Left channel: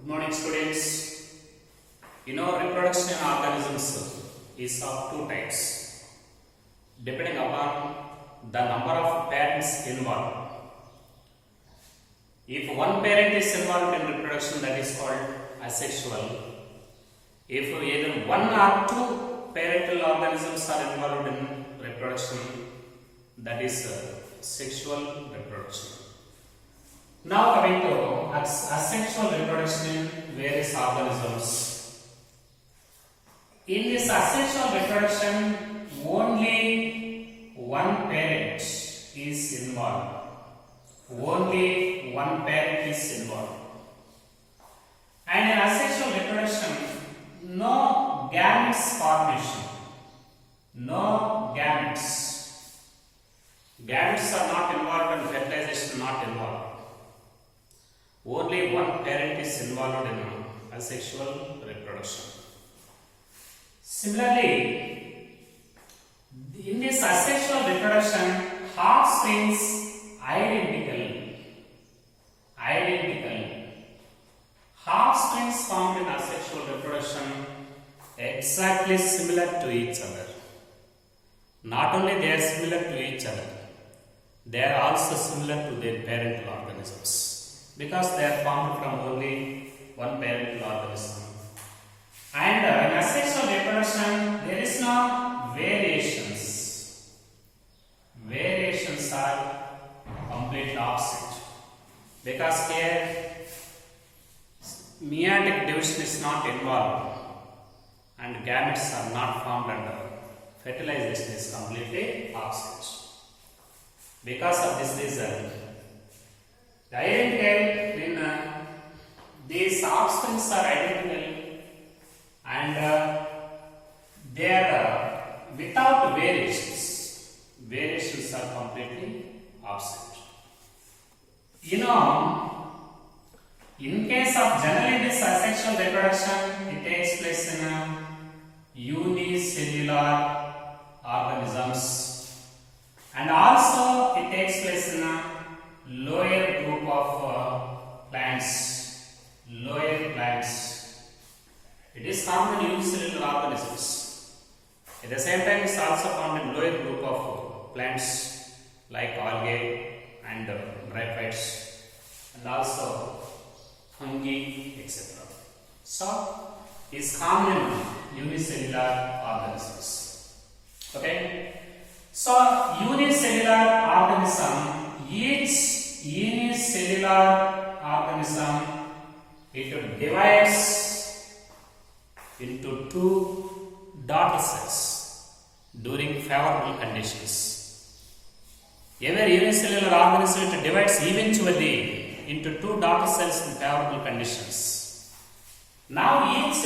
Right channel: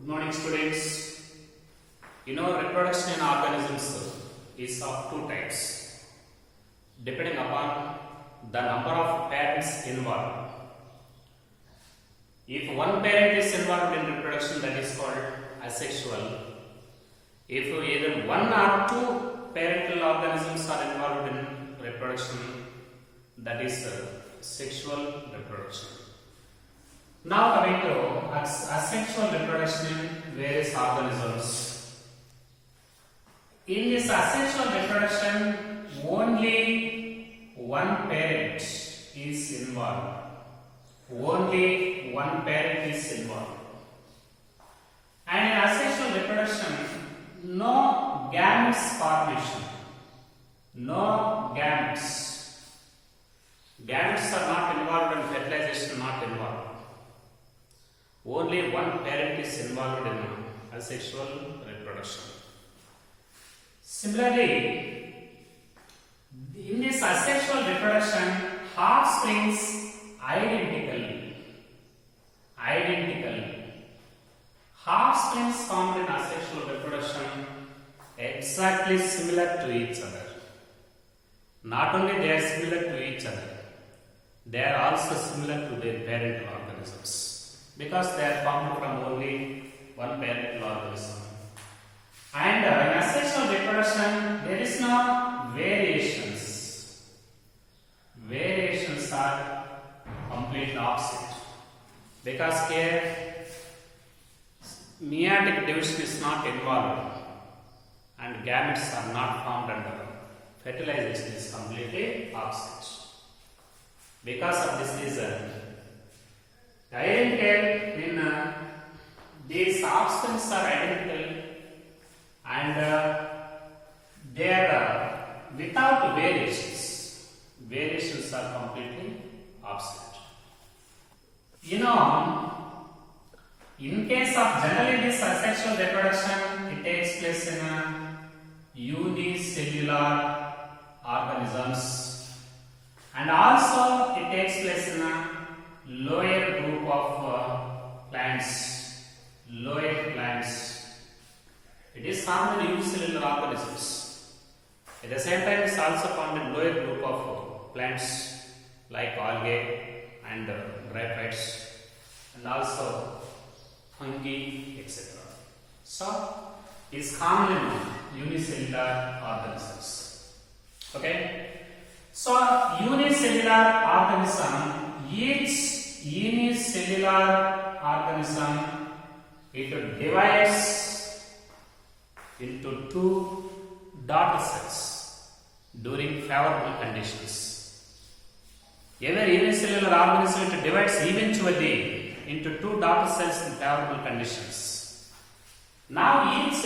Good morning, students. Reproduction in organisms is of two types, depending upon the number of parents involved. If one parent is involved in reproduction, that is called asexual. If either one or two parental organisms are involved in reproduction, that is sexual reproduction. Now coming to asexual reproduction in various organisms. In this asexual reproduction, only one parent is involved. Only one parent is involved. And in asexual reproduction, no gametes formation. No gametes. Gametes are not involved and fertilization not involved. Only one parent is involved in asexual reproduction. Similarly, in this asexual reproduction, offsprings identically. Offsprings formed in asexual reproduction exactly similar to each other. Not only they are similar to each other, they are also similar to their parental organisms, because they are formed from only one parental organism. And in asexual reproduction, there is no variations. Variations are completely opposite, because here meiotic division is not involved and gametes are not formed under fertilization is completely opposite. Because of this reason, identical in these offsprings are identical and they are without variations. Variations are completely opposite. In case of generally this asexual reproduction, it takes place in unicellular organisms, and also it takes place in a lower group of plants. Lower plants. It is found in unicellular organisms. At the same time, it is also found in lower group of plants like algae and bryophytes, and also fungi, etc. So, it is common in unicellular organisms. Okay. So, unicellular organism, each unicellular organism, it divides into two daughter cells during favorable conditions. Every unicellular organism, it divides eventually into two daughter cells in favorable conditions. Now each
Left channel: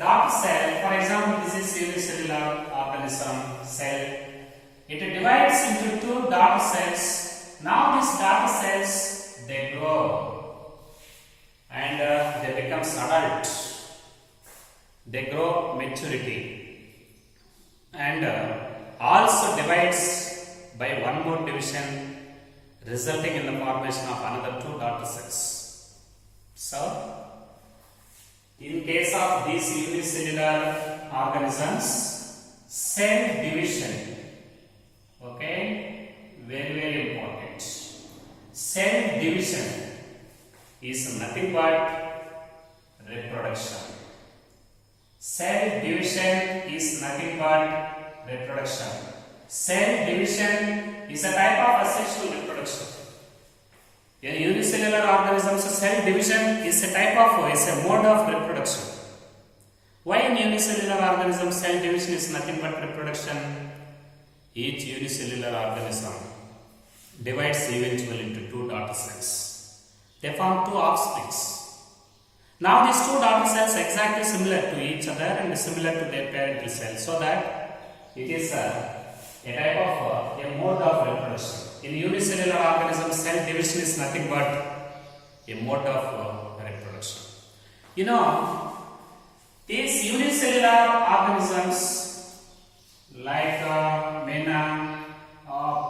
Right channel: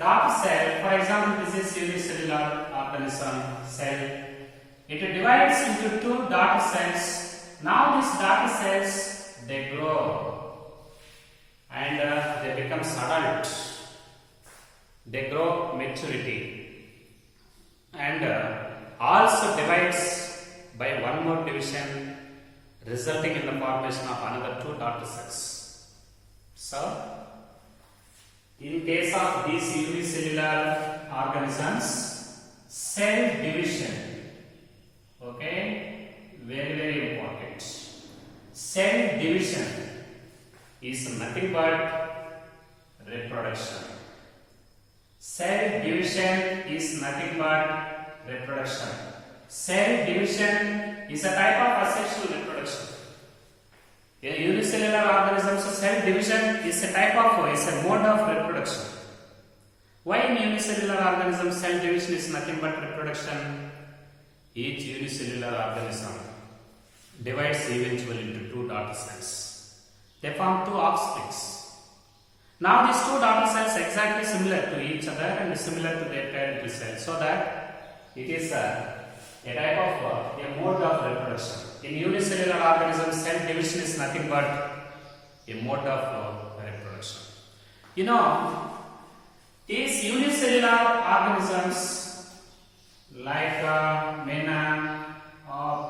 daughter cell, for example, this is unicellular organism cell, it divides into two daughter cells. Now these daughter cells, they grow and they become adult. They grow maturity and also divides by one more division, resulting in the formation of another two daughter cells. So, in case of these unicellular organisms, cell division, okay, very important. Cell division is nothing but reproduction. Cell division is nothing but reproduction. Cell division is a type of asexual reproduction. In unicellular organisms, cell division is a type of, is a mode of reproduction. Why in unicellular organisms cell division is nothing but reproduction? Each unicellular organism divides eventually into two daughter cells. They form two offsprings. Now these two daughter cells exactly similar to each other and similar to their parental cells, so that it is a type of a mode of reproduction. In unicellular organisms, cell division is nothing but a mode of reproduction. These unicellular organisms like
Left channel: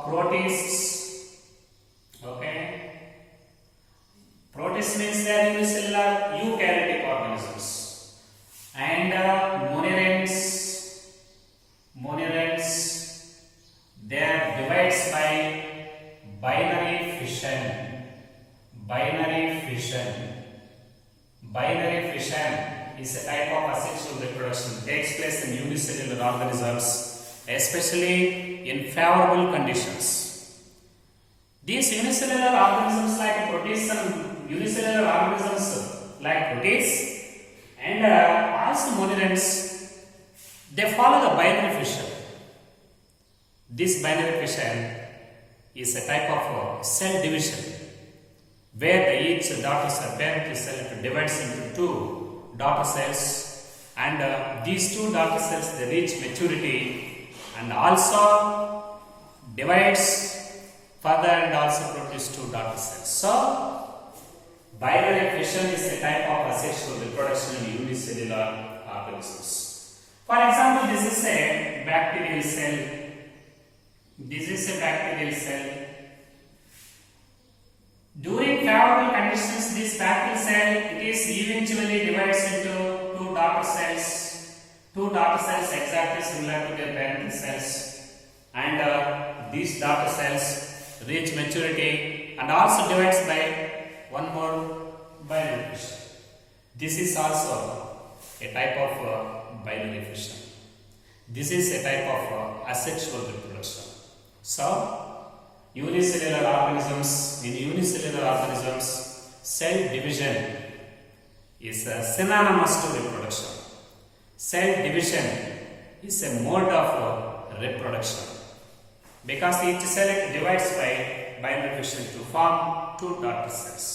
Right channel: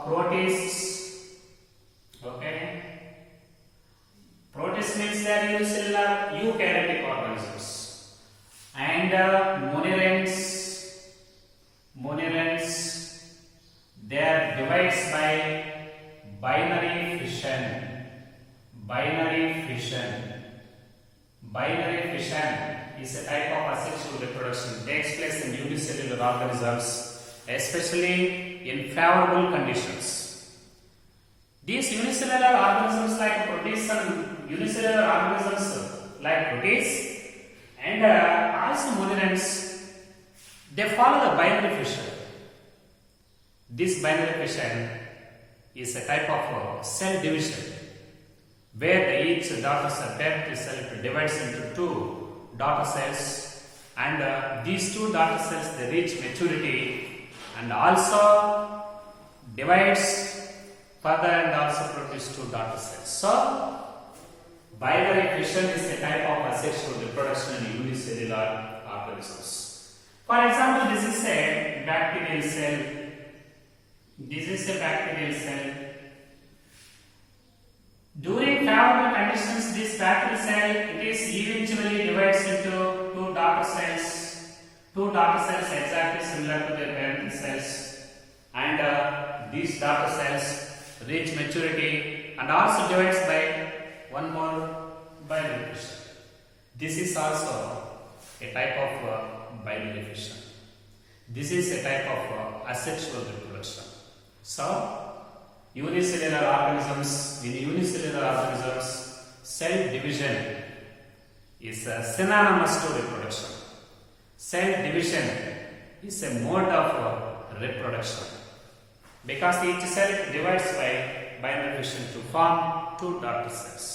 protists, okay, Protists means they are unicellular eukaryotic organisms. And monerans, they are divided by binary fission. Binary fission is a type of asexual reproduction. It takes place in unicellular organisms, especially in favorable conditions. These unicellular organisms like protists and unicellular organisms like protists and also monerans, they follow the binary fission. This binary fission is a type of cell division where each daughter cell, parent cell divides into two daughter cells, and these two daughter cells they reach maturity and also divides further and also produce two daughter cells. So, binary fission is a type of asexual reproduction in unicellular organisms. For example, this is a bacterial cell. During favorable conditions, this bacterial cell it is eventually divides into two daughter cells. Two daughter cells exactly similar to their parent cells, and these daughter cells reach maturity and also divides by one more binary fission. This is also a type of binary fission. This is a type of asexual reproduction. So, unicellular organisms, cell division is synonymous to reproduction. Cell division is a mode of reproduction because each cell divides by binary fission to form two daughter cells.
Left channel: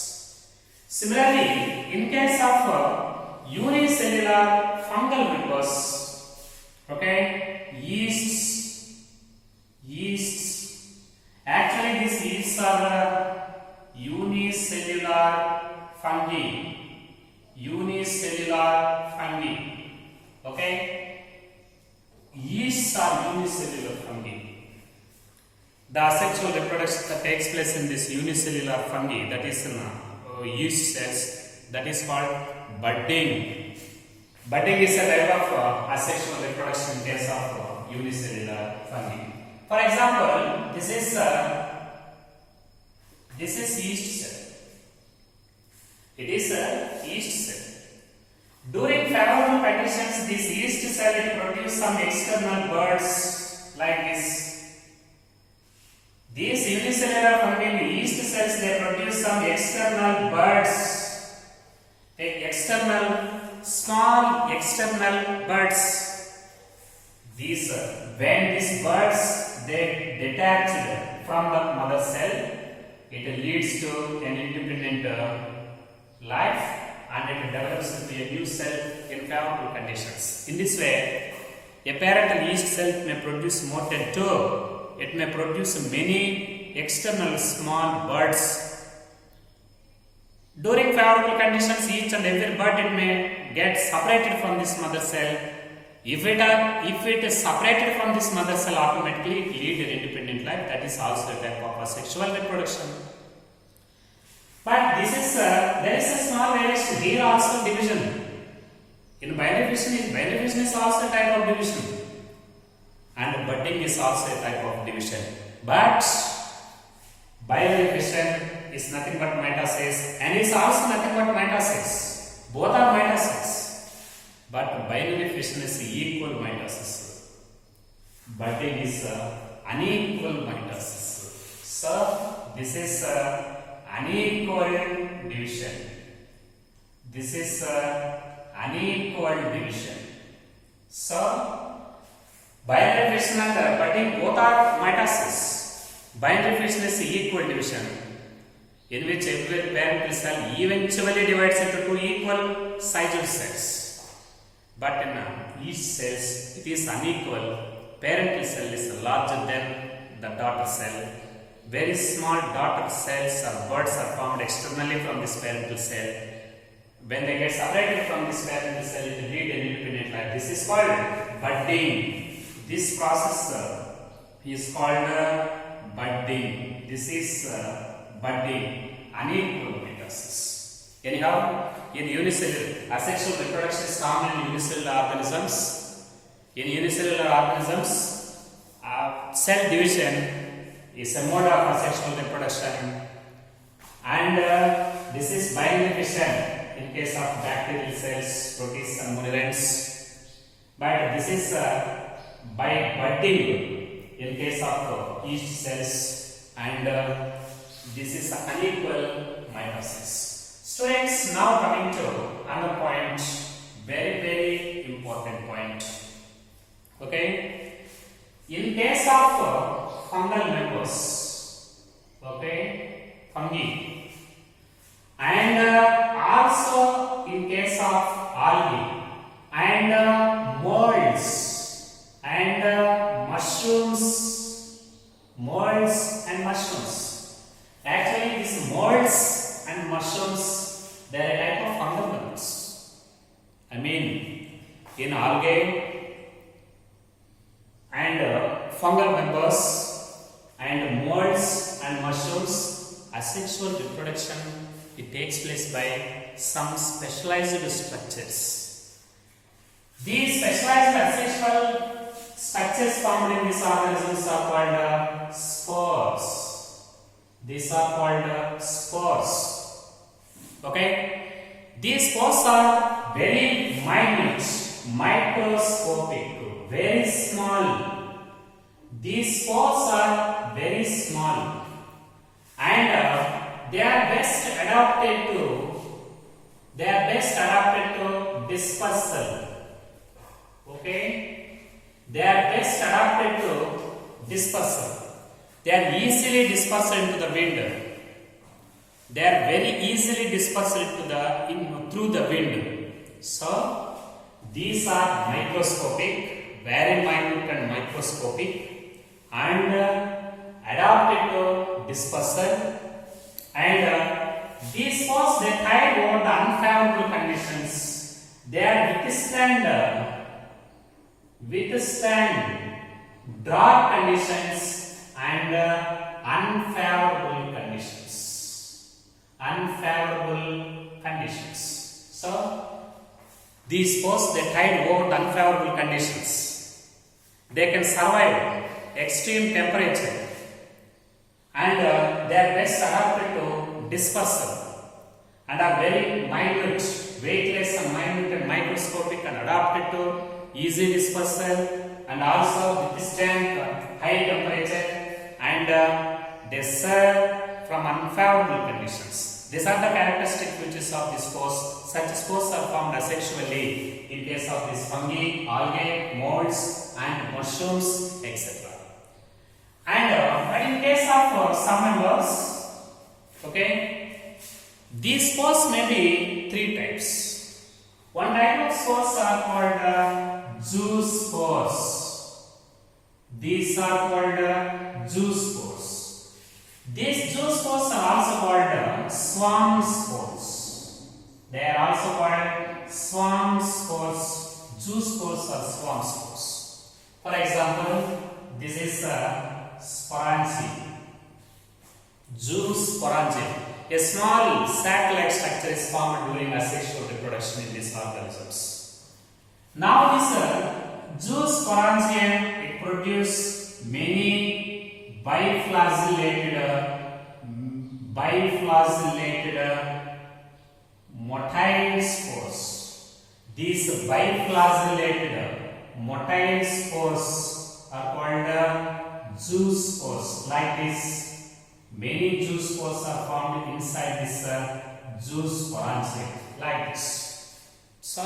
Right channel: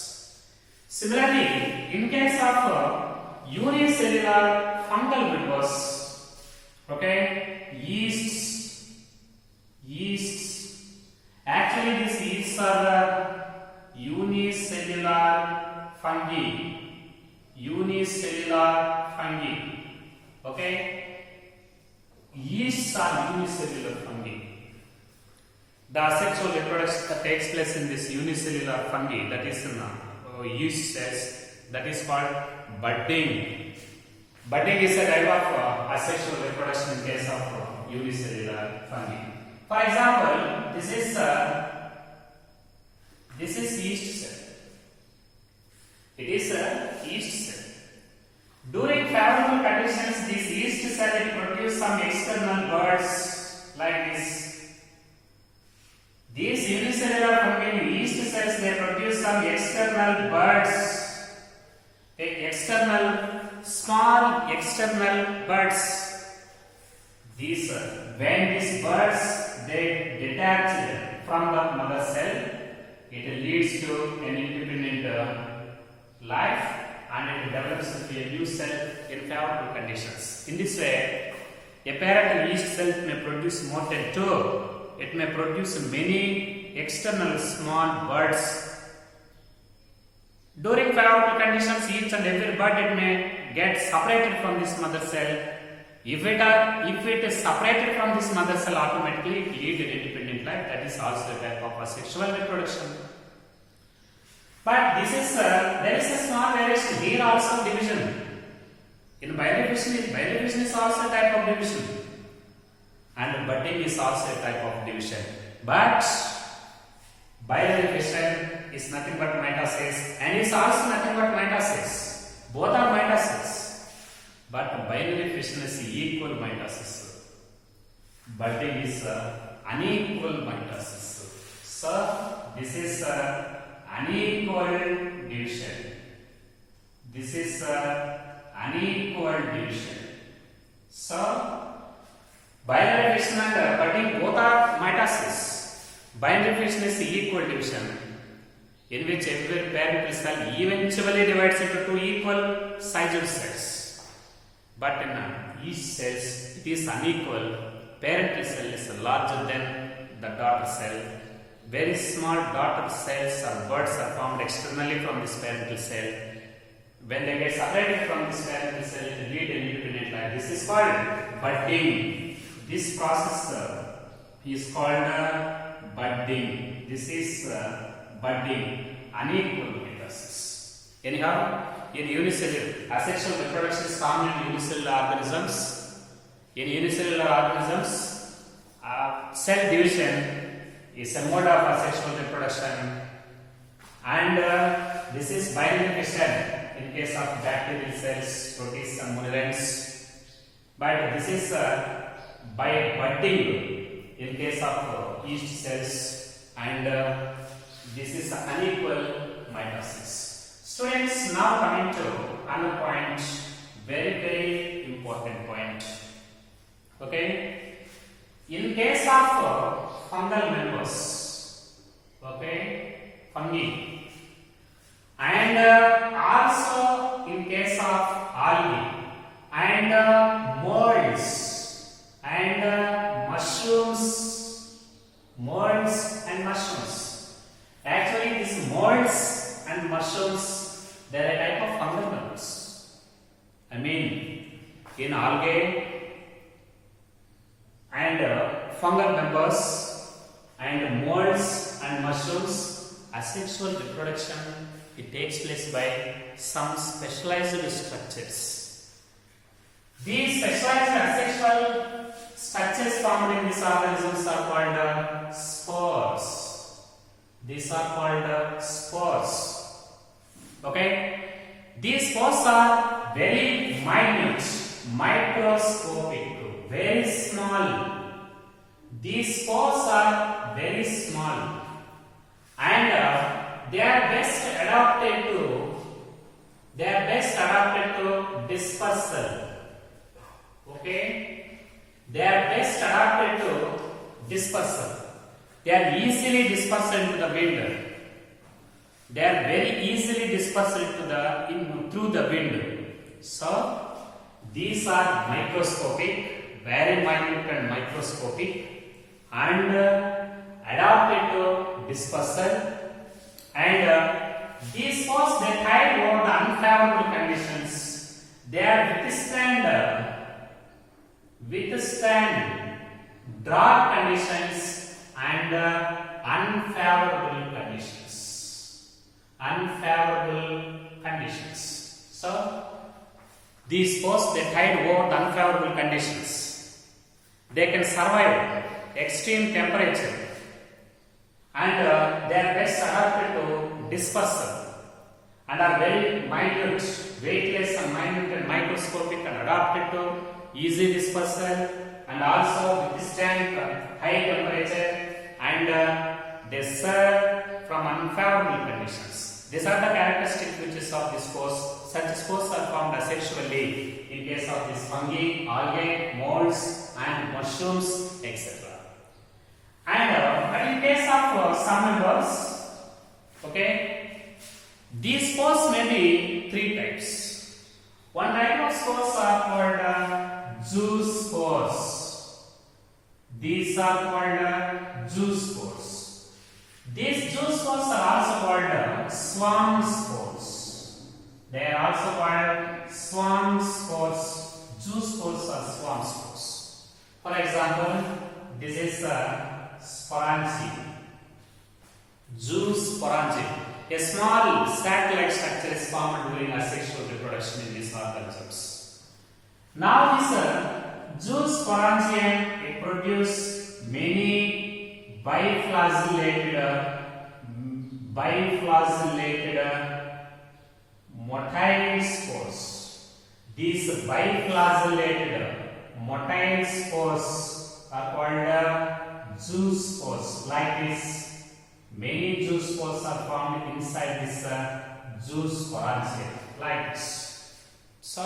Similarly, in case of unicellular fungal bulbs, yeasts, actually these yeasts are unicellular fungi. Yeasts are unicellular fungi. The asexual reproduction that takes place in this unicellular fungi, that is in yeast cells, that is called budding. Budding is a type of asexual reproduction in case of unicellular fungi. For example, this is yeast cell. It is a yeast cell. During favorable conditions, this yeast cell produces some external buds like this. These unicellular fungi yeast cells they produce some external buds. Small external buds. These when these buds they detach from the mother cell, it leads to an independent life and it develops into a new cell in favorable conditions. In this way, a parent yeast cell may produce more than two. It may produce many external small buds. During favorable conditions, each and every bud it may get separated from this mother cell. If it is separated from this mother cell, automatically it leads an independent life. That is also a type of asexual reproduction. But this is there is a small variation here also division. In binary fission is also a type of division, and budding is also a type of division. But binary fission is nothing but mitosis, and is also nothing but mitosis. Both are mitosis, but binary fission is equal mitosis. Budding is unequal mitosis. So this is unequal division. This is unequal division. So binary fission and budding both are mitosis. Binary fission is equal division, in which every parent cell eventually divides into two equal sized cells. But in each cells it is unequal. Parent cell is larger than the daughter cell. Very small daughter cells or buds are formed externally from this parental cell. When they get separated from this parental cell, it leads an independent life. This is called budding. This process is called budding. This is budding, unequal mitosis. Anyhow, in unicellular, asexual reproduction is common in unicellular organisms. In unicellular organisms, cell division is a mode of asexual reproduction, and this is bionification in case of bacterial cells, protists and monoliths. But this is by budding in case of yeast cells, and this is unequal mitosis. Students, now coming to another point, very important point. Okay, in case of fungal members, okay, fungi, and also in case of algae and molds and mushrooms. Actually, these molds and mushrooms, they are a type of fungal members. I mean, in algae and fungal members and molds and mushrooms, asexual reproduction, it takes place by some specialized structures. These specialized asexual structures found in these organisms are called spores. These are called spores. Okay, these spores are very minute, microscopic, very small. These spores are very small, and they are best adapted to dispersal. Okay, they are best adapted to dispersal. They are easily dispersed into the wind. They are very easily dispersed through the wind. So these are microscopic, very minute and microscopic, and adapted to dispersal. And these spores, they thrive over the unfavorable conditions. They are withstand drought conditions and unfavorable conditions. So these spores, they thrive over the unfavorable conditions. They can survive extreme temperature, and they are best adapted to dispersal and are very minute, weightless and minute and microscopic, and adapted to easy dispersal and also withstand high temperature, and they serve from unfavorable conditions. These are the characteristic features of these spores. Such spores are formed asexually in case of these fungi, algae, molds and mushrooms, etc. And in case of some members, okay, these spores may be three types. One type of spores are called zoospores. These are called zoospores. These zoospores are also called swarm spores. They are also called swarm spores. Zoospores or swarm spores. For example, this is sporangia. Zoosporangia. A small sac-like structure is formed during asexual reproduction in these organisms. Now this zoosporangia, it produces many biflagellated motile spores. These biflagellated motile spores are called zoospores. Like this, many zoospores are formed inside this zoosporangia, like this. So,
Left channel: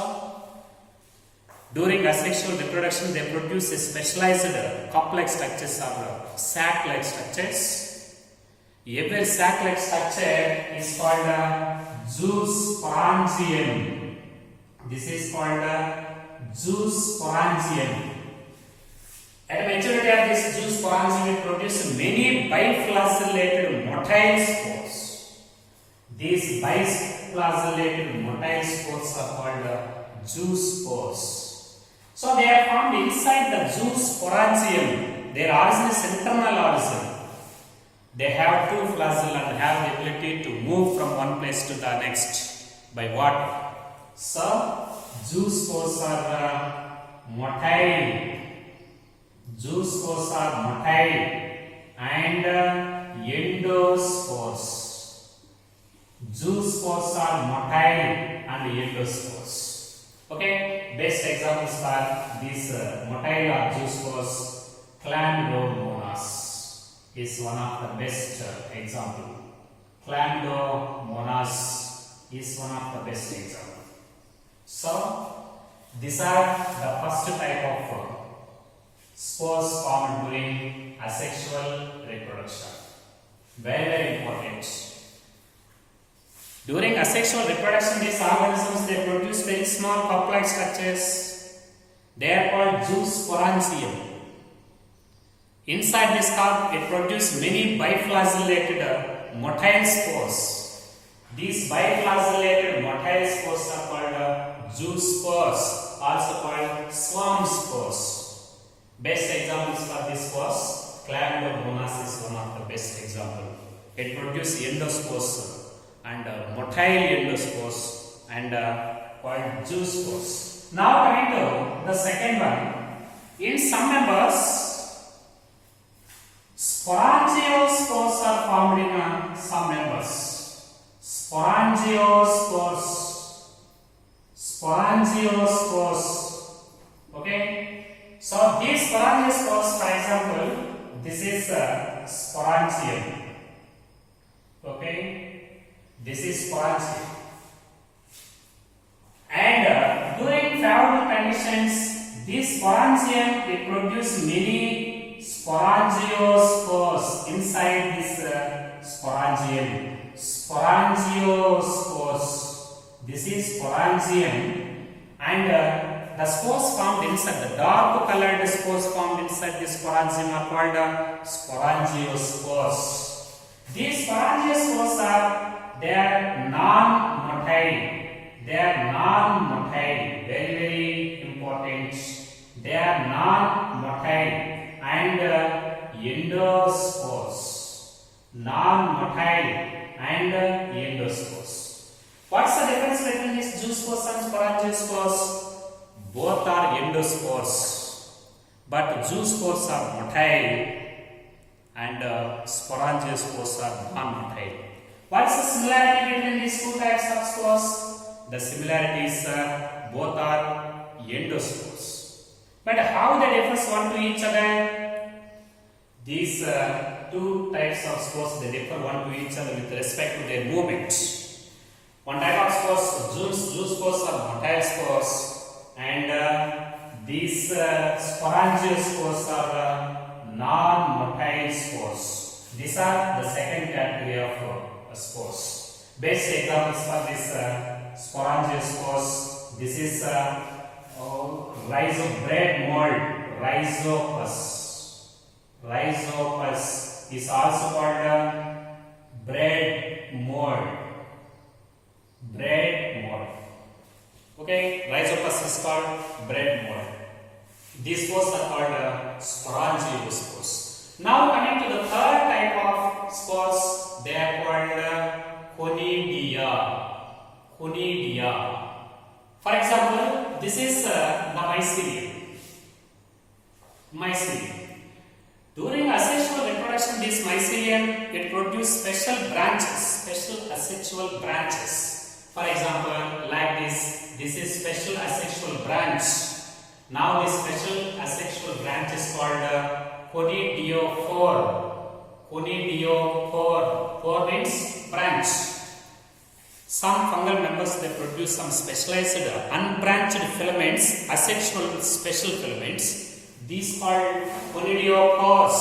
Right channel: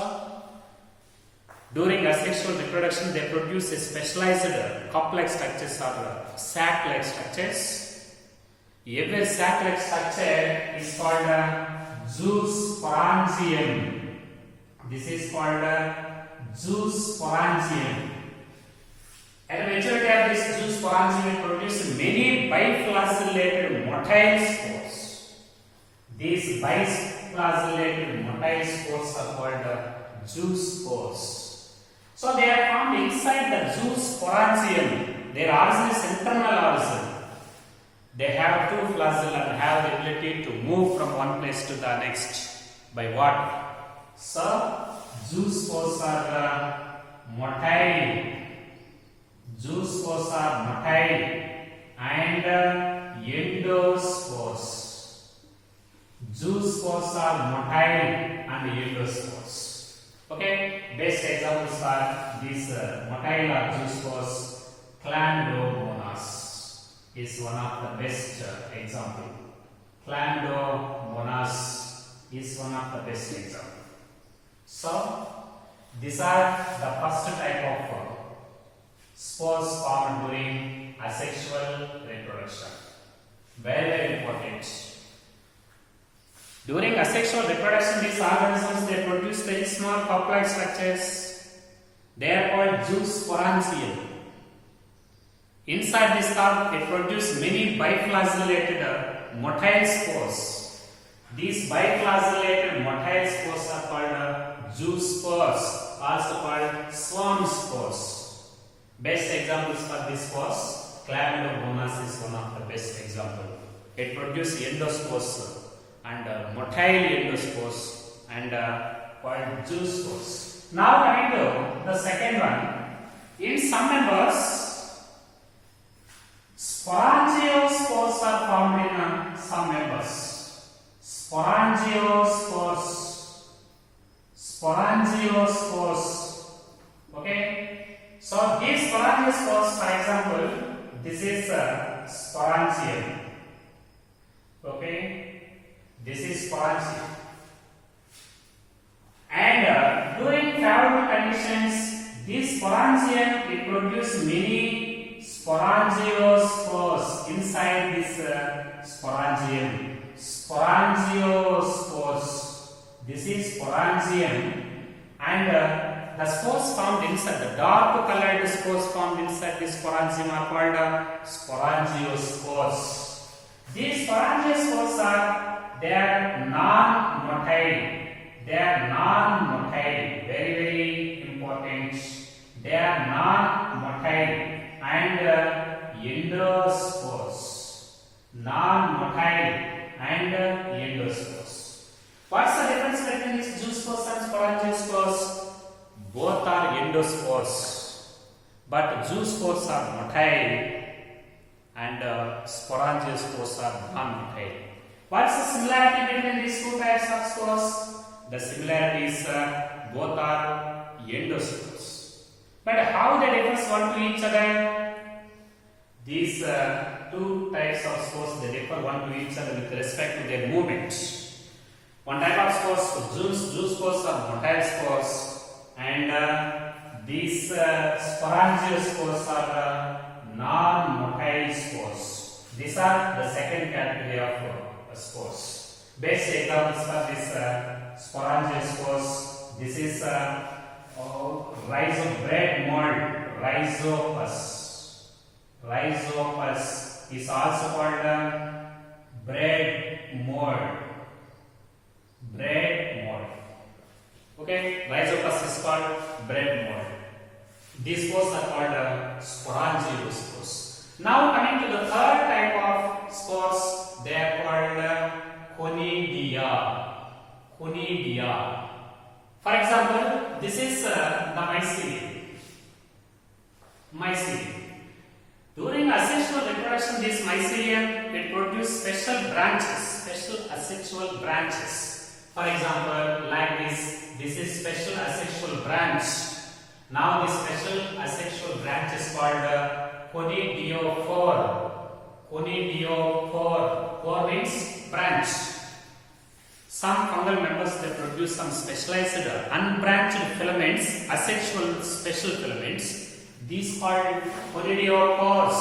during asexual reproduction, they produce a specialized complex structures or sac-like structures. Every sac-like structure is called zoosporangium. This is called zoosporangium. At maturity of this zoosporangium, will produce many biflagellated motile spores. These biflagellated motile spores are called zoospores. So they are found inside the zoosporangium. Their origin is internal origin. They have two flagella and have the ability to move from one place to the next. by water. So juice spores are motile. Juice spores are motile and endospores. Juice spores are motile and endospores. Okay, best examples are these motile or juice spores. Chlamydomonas is one of the best example. Chlamydomonas is one of the best example. So these are the first type of spores formed during asexual reproduction. Very, very important. During asexual reproduction, these organisms they produce very small cup-like structures. They are called juice sporangium. Inside this cup, it produces many biflagellated motile spores. These biflagellated motile spores are called juice spores, also called swarm spores. Best examples for these spores, Chlamydomonas is one of the best example. It produces endospores and motile endospores and called juice spores. Now coming to the second one, in some members, sporangiospores are formed in some members. Sporangiospores. Sporangiospores. Okay. So these sporangiospores, for example, this is sporangium. Okay. This is sporangium. And during favorable conditions, this sporangium it produces many sporangiospores inside this sporangium. Sporangiospores. This is sporangium, and the spores formed inside, the dark colored spores formed inside this sporangium are called sporangiospores. These sporangiospores they are non-motile. They are non-motile. Very, very important. They are non-motile and endospores. Non-motile and endospores. What's the difference between these juice spores and sporangiospores? Both are endospores, but juice spores are motile and sporangiospores are non-motile. What's the similarity between these two types of spores? The similarity is both are endospores. But how they differ one to each other? These two types of spores they differ one to each other with respect to their movement. One type of spores, juice spores are motile spores, and these sporangiospores are non-motile spores. These are the second category of spores. Best examples for this sporangiospores. This is bread mold, Rhizopus. Rhizopus is also called bread mold. Bread mold. Okay, Rhizopus is called bread mold. These spores are called sporangiospores. Now coming to the third type of spores, they are called conidia. Conidia. For example, this is the mycelium. Mycelium. During asexual reproduction, this mycelium it produces special branches, special asexual branches. For example, like this is special asexual branch. Now this special asexual branch is called conidiophore. Conidiophore. Phore means branch. Some fungal members they produce some specialized unbranched filaments, asexual special filaments. These called conidiophores.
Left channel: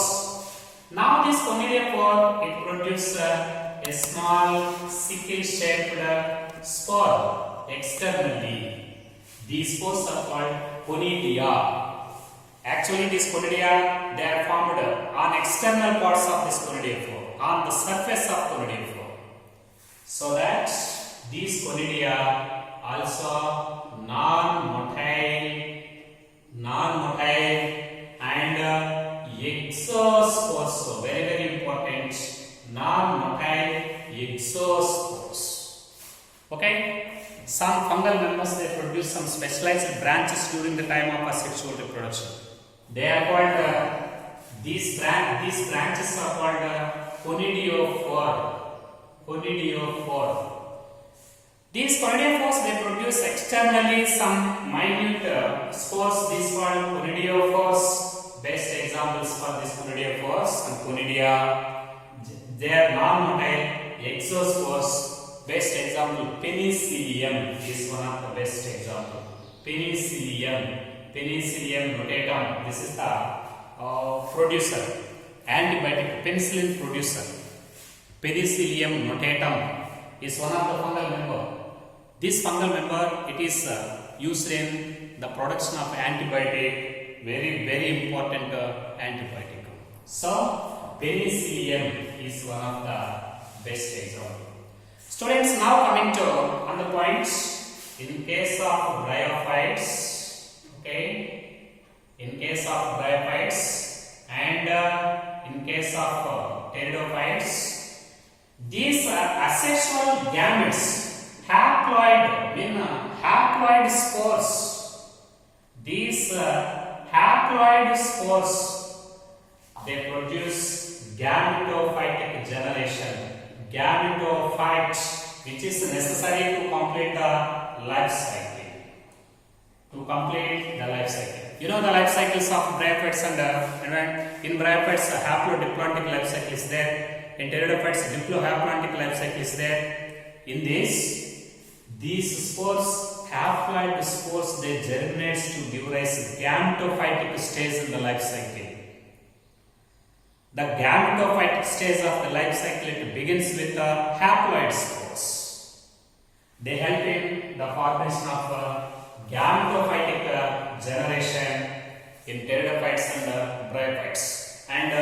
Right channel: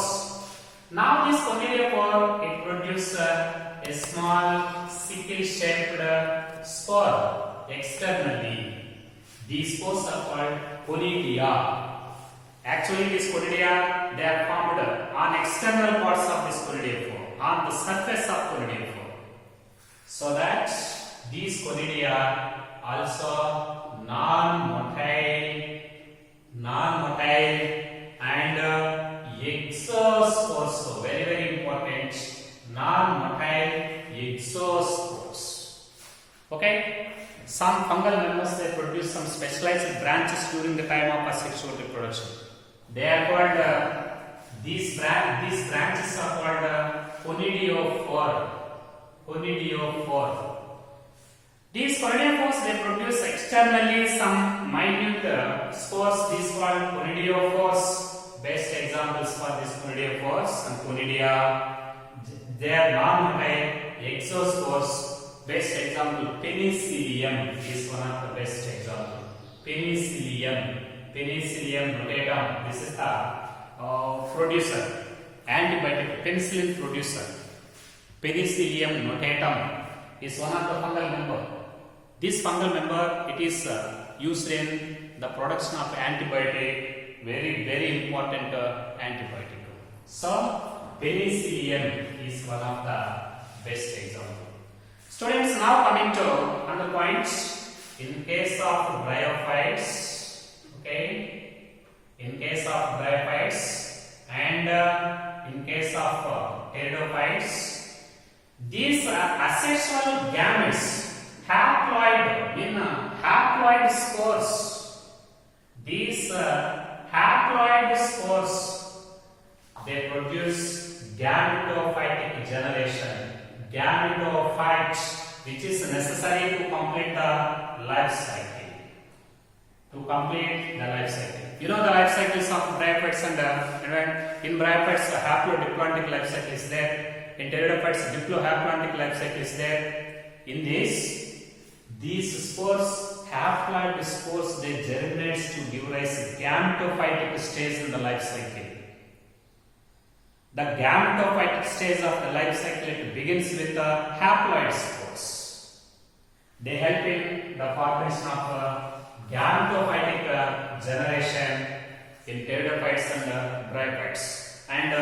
Now this conidiophore it produces a small sickle-shaped spore externally. These spores are called conidia. Actually, these conidia they are formed on external parts of this conidiophore, on the surface of conidiophore. So that these conidia also non-motile and exospores. So very, very important. Non-motile exospores. Okay. Some fungal members, they produce some specialized branches during the time of asexual reproduction. They are called, these branches are called conidiophore. Conidiophore. These conidiophores, they produce externally some minute spores. These called conidiophores. Best examples for these conidiophores, some conidia. They are non-motile exospores. Best example, penicillium is one of the best example. Penicillium notatum. This is the producer, antibiotic penicillin producer. Penicillium notatum is one of the fungal member. This fungal member, it is used in the production of antibiotic, very important antibiotic. So penicillium is one of the best example. Students, now coming to other points. In case of bryophytes, okay, in case of bryophytes and in case of pteridophytes, these asexual gametes, haploid spores. These haploid spores, they produce gametophytic generation. Gametophyte, which is necessary to complete the life cycle. You know the life cycles of bryophytes, and in bryophytes the haplodiploidic life cycle is there. In pteridophytes, diplohaploidic life cycle is there. In these spores, haploid spores, they germinate to give rise to gametophytic stage in the life cycle. The gametophytic stage of the life cycle, it begins with the haploid spores. They help in the formation of gametophytic generation in pteridophytes and bryophytes. And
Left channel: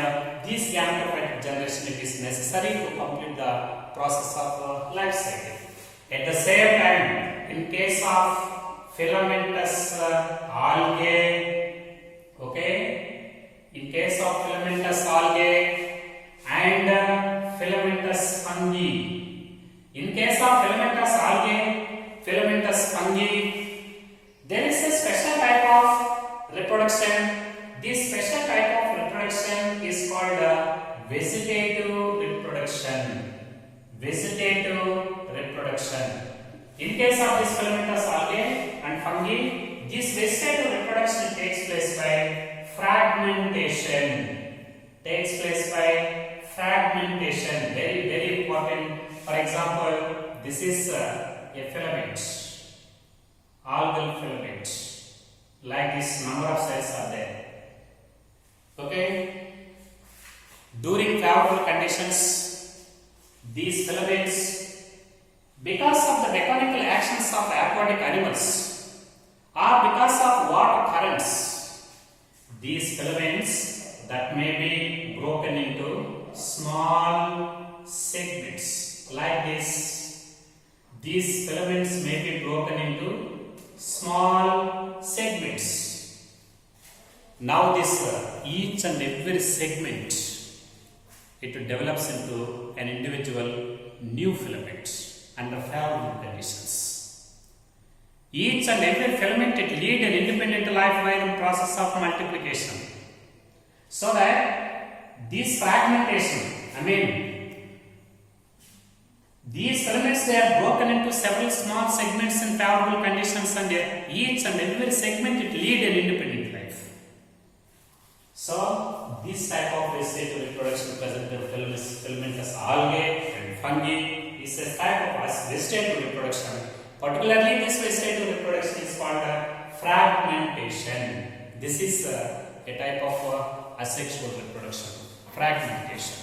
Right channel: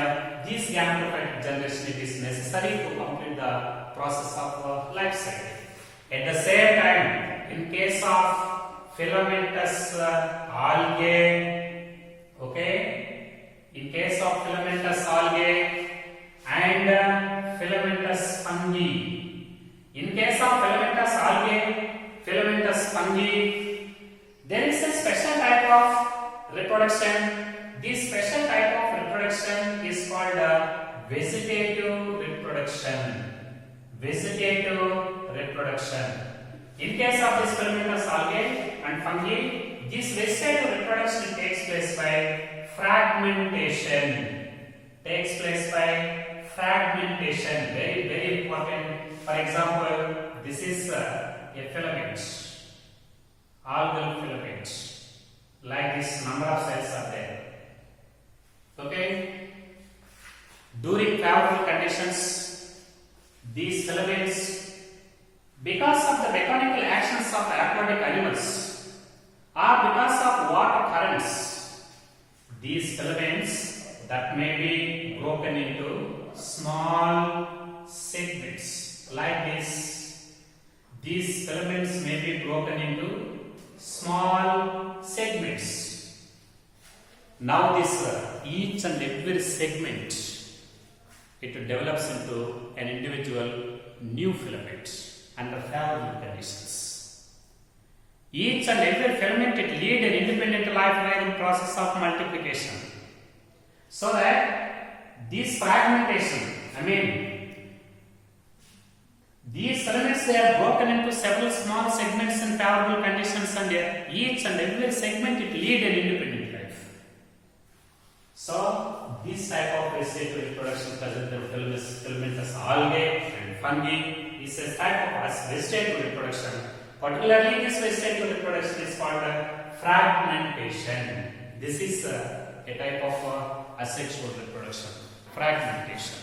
this gametophytic generation, it is necessary to complete the process of life cycle. At the same time, in case of filamentous algae, okay, in case of filamentous algae and filamentous fungi, in case of filamentous algae, filamentous fungi, there is a special type of reproduction. This special type of reproduction is called vegetative reproduction. Vegetative reproduction. In case of this filamentous algae and fungi, this vegetative reproduction takes place by fragmentation. Very important. For example, this is a filament, algal filament. Like this, number of cells are there. Okay. During favorable conditions, these filaments, because of the mechanical actions of the aquatic animals, or because of water currents, these filaments that may be broken into small segments like this. These filaments may be broken into small segments. Now this each and every segment, it develops into an individual new filament under favorable conditions. Each and every filament, it lead an independent life by the process of multiplication. So that this fragmentation, these filaments, they are broken into several small segments in favorable conditions, and each and every segment, it lead an independent life. So this type of vegetative reproduction present in filamentous algae and fungi is a type of vegetative reproduction. Particularly, this vegetative reproduction is called fragmentation. This is a type of asexual reproduction, fragmentation.